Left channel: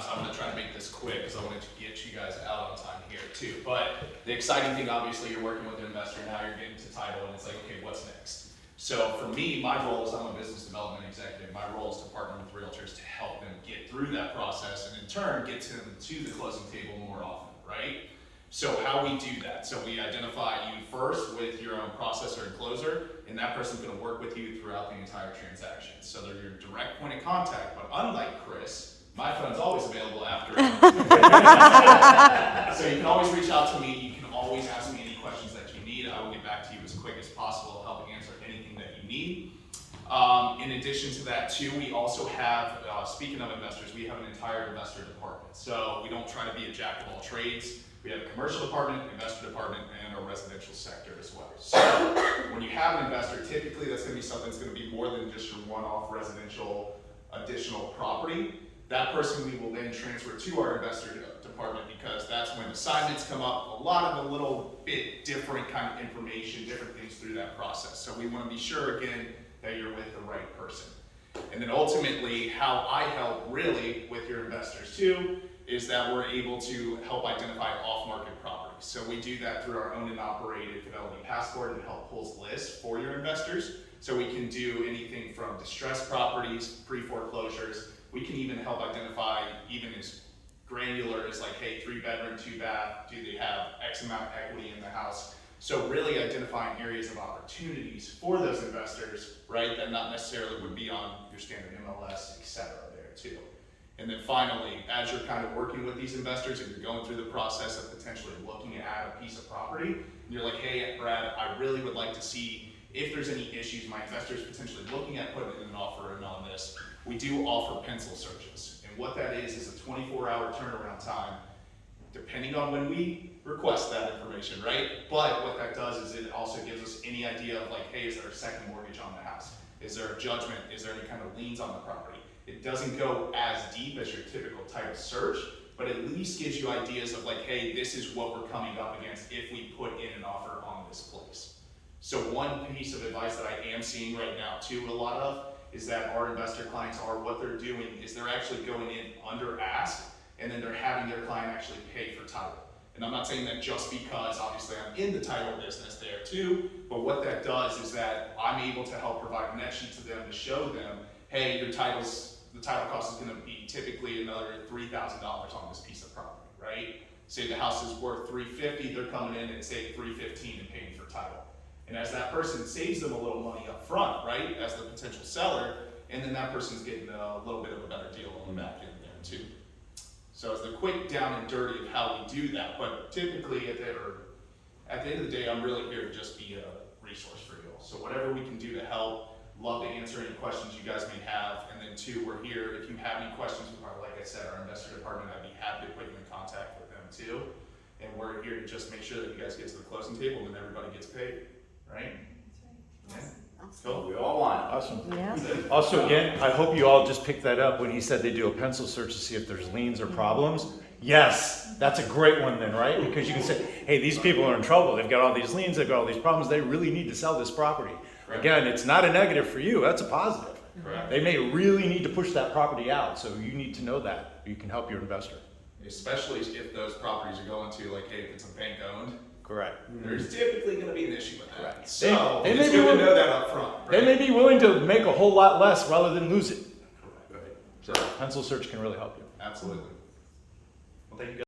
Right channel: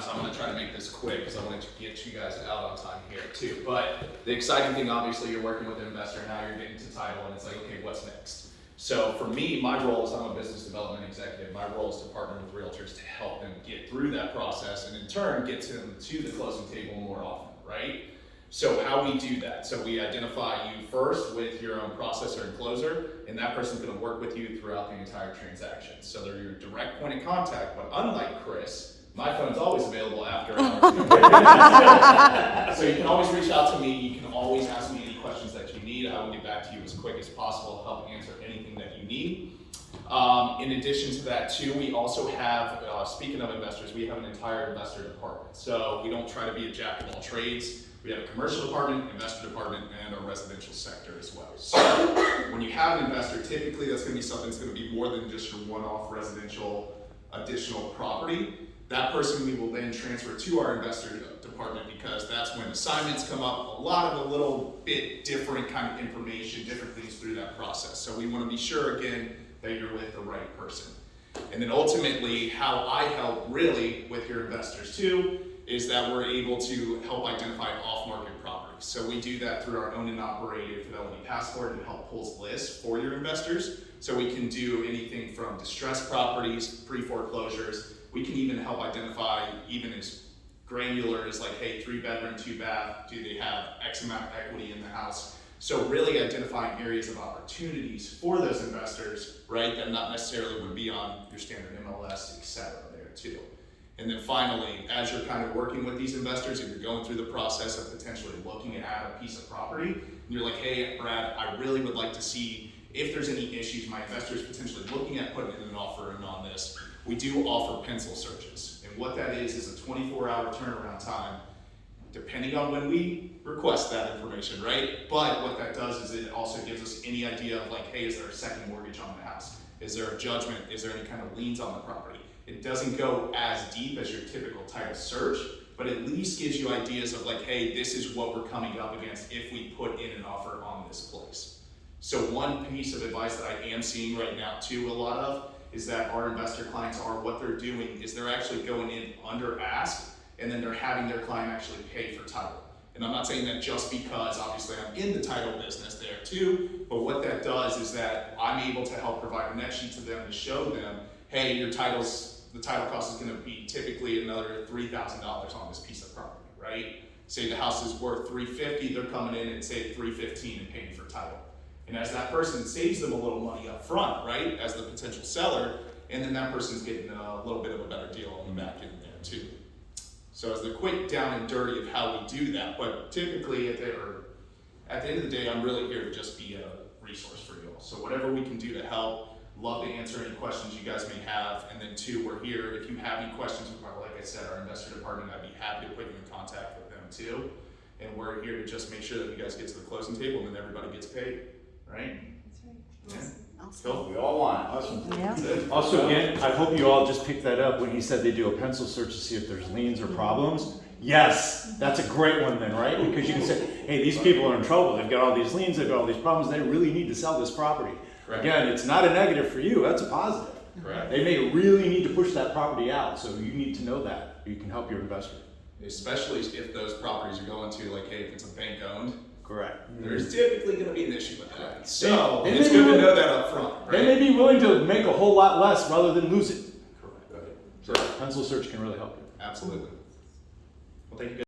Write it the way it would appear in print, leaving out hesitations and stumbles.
So I'm going to try to make this quick because I want to get you guys out on time here too. But the exciting thing, obviously, you're working with an investor, now you're getting to title, and it's like, okay, what's next? So for me, my role is I'm a business development executive. My role is to partner with realtors to help them get through that process and in turn get them to the closing table more often, right? So how we do that? So we identify you first with your own processor and closer, and that person's going to work with you throughout the entire transaction. So they're your direct point of contact, but unlike Chris, my phone's always available after. So you can always reach out to me. You can always ask me any questions that you need. I will get back to you as quick as possible, help answer anything that you need. In addition to that too, we also have, speaking of investors, we have an entire investor department. So we don't try to be a jack of all trades. We have a commercial department, investor department, and a residential sector as well. So when you have an investor, typically that's going to be something that's going to be more than just your one-off residential additional property. That person we will then transfer to our investor department because that's when assignments come up, a lot of a little bit different kind of information, different things through that process. So we want to be sure again that you're with the right person. And then ultimately how I help really with your investors too is that we're able to help identify off-market properties. So we do that through our owned and operated Fidelity Passport and help pulls lists for your investors. So we can do anything from distressed properties, pre-foreclosures. We can even help identify even as granular as like, hey, 3-bedroom, 2-bath, do they have X amount of equity in the house? So really identifying areas of opportunities for those investors, right, that not necessarily would be on your standard MLS, et cetera, there too. And then finally, as you're kind of working with these investors and you're going through the process of potentially looking at a piece of property, and you're like, hey, Brad, I really would like to see if there's any issues, my investor's potentially looking at putting in an offer in on this. We do offer pencil searches. And what that is a 24-hour turnaround time, depending on when we request that information, right? But what that does is it also gives us any idea of like, hey, is there a second mortgage on the house? Is there a judgment? Is there any kind of liens on the property? It doesn't go as deep as your typical title search, but at least gives you ideas of like, hey, this is what we're coming up against if we put in an offer on this place. So one piece of advice that I am seeing right now too, a lot of, is that our investor clients are, what they're doing is they're actually going in under ask, and then they're having their client actually pay for title. And I'm not saying that just because obviously I'm in the title business there too, but what that does is that I'm able to help provide a net sheet to them to show them, hey, the title cost is going to be typically another $3,000 on this piece of property, right? Say the house is worth $350, they're coming in and say $315 and paying for title. And as that person saves them a little money up front, right, as the potential seller, and then that person's getting a little bit of a better deal on the back end there too. So it's the quick down and dirty of how we do that, but typically at the end of the day, I'm really here to just be a resource for you all. So whatever we can do to help, love to answer any questions you guys may have. And then two, we're here, if you have any questions about, like I said, our investor department, I'd be happy to put you in contact with them too. And we're here to just make sure that you guys get to the closing table and then everybody gets paid, right? That's right. Yeah. Awesome. Cool. We all want. Awesome. Yeah. Also, again, I hope you all just picked that up when he said they do a pencil search to see if there's liens or problems. Yes, that's a great one then, right? Because you can say, hey, these people are in trouble. They've got all these liens, they've got all these problems. They really need to sell this property. Correct. Again, it's not a negative for you. That's a positive. Correct. They may really need to push that property out, so you need to know that. You can help your investor. Especially if those properties are going to, like, hey, if it's a bank owned, Correct. there's typically going to be an issue with that. Correct. So They it's may be good to willing- know that up front, right? They may be willing to make a whole lot less rather than lose it. Correct. So pencil search can really help you. Absolutely.